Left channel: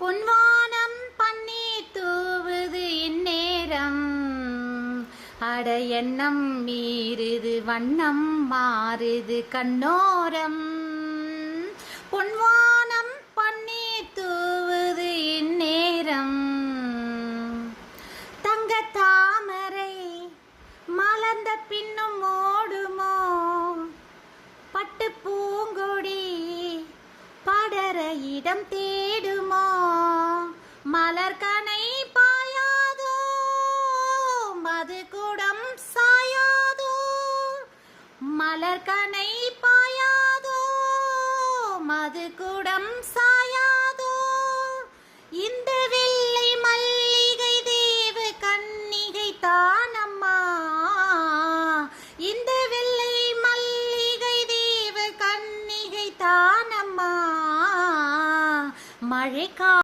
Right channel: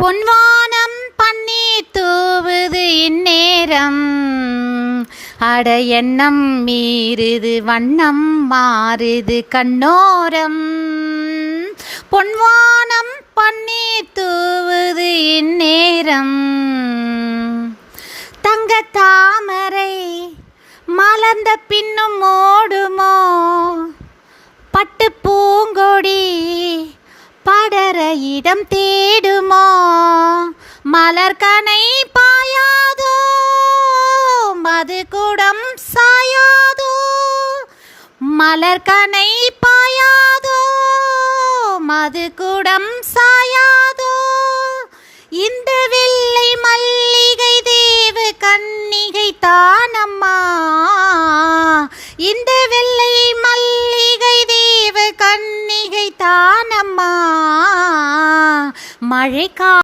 பொன்வானம் பன்னீர் தூவுது இந்நேரம், அட எண்ணம் மீறுது வண்ணம் மாறுது கண்ணோரம். பொன்வானம் பன்னீர் தூவுது இந்நேரம், தங்க தாமரை மலர்ந்த பின்னும் ஓடுமோ, பட்டு பூங்கொடி படர இடம் தேடுமோ, மலர்கனை பாயாதோ மது குடம் சாயாதோ, மலர்கனை பாயாதோ மது குடம் சாயாதோ. இந்த வெள்ளை மல்லிகை தேவ கன்னிகை தானம்மா, இந்த வெள்ளை மல்லிகை தேவ கன்னிகை தானம்மா. மழைக்கா